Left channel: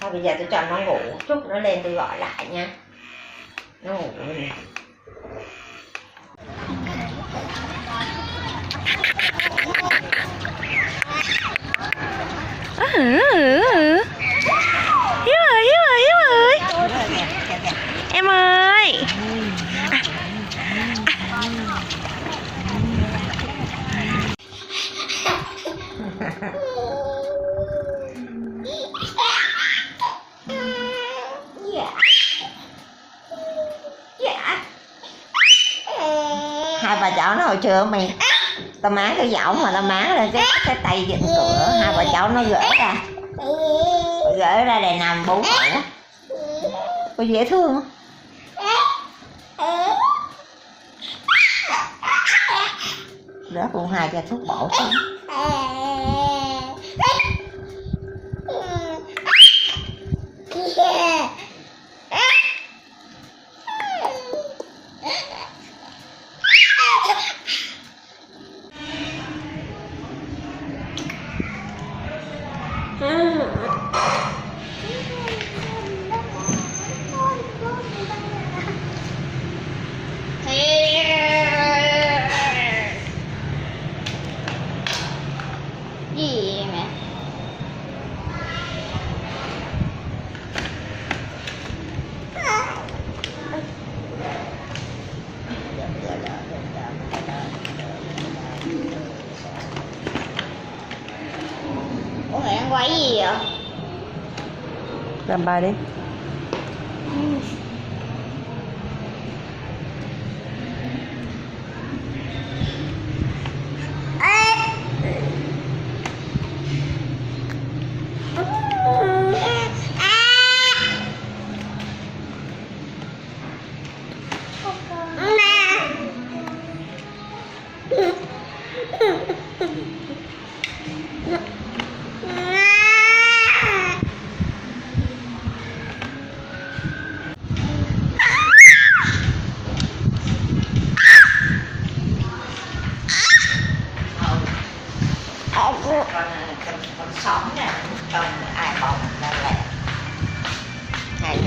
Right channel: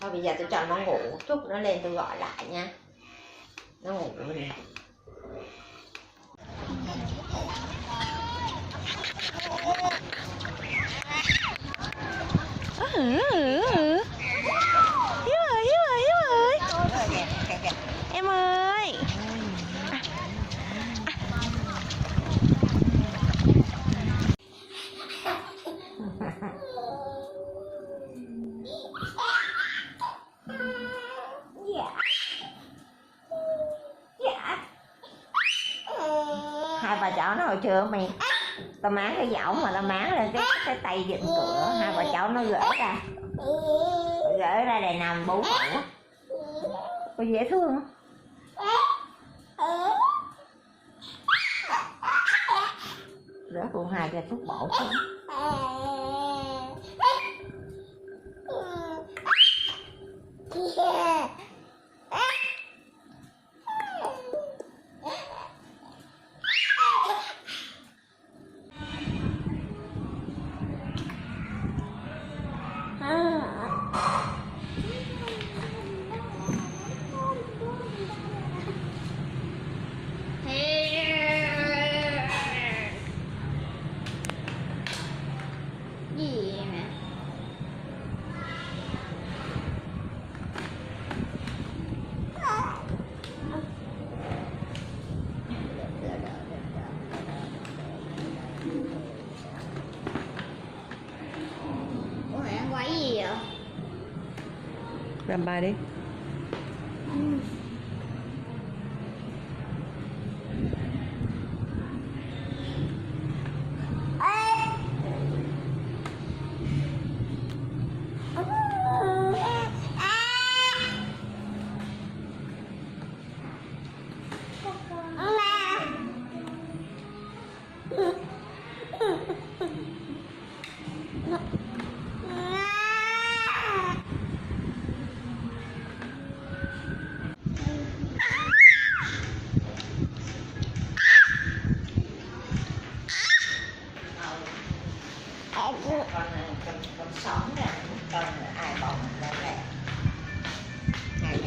Thôi bây giờ tôi cho nó ngủ chút nó lên tôi gọi lại nha. Nó ngủ rồi. Hiếu ơi. Em ơi. Hai bà cháu nó hồi trưa mày tao má cái giọng mà tao má lên cái tay dựng cửa, hai bà cháu nó gỡ ra để nằm bú ngủ. Có dễ thương không? Đó cũng hai cái thuốc bổ xuống. Gì mẹ? Ủa mẹ đang quay gì vậy? Làm bài đi. Con sống nè, con ai bồng ra lẹ. Này.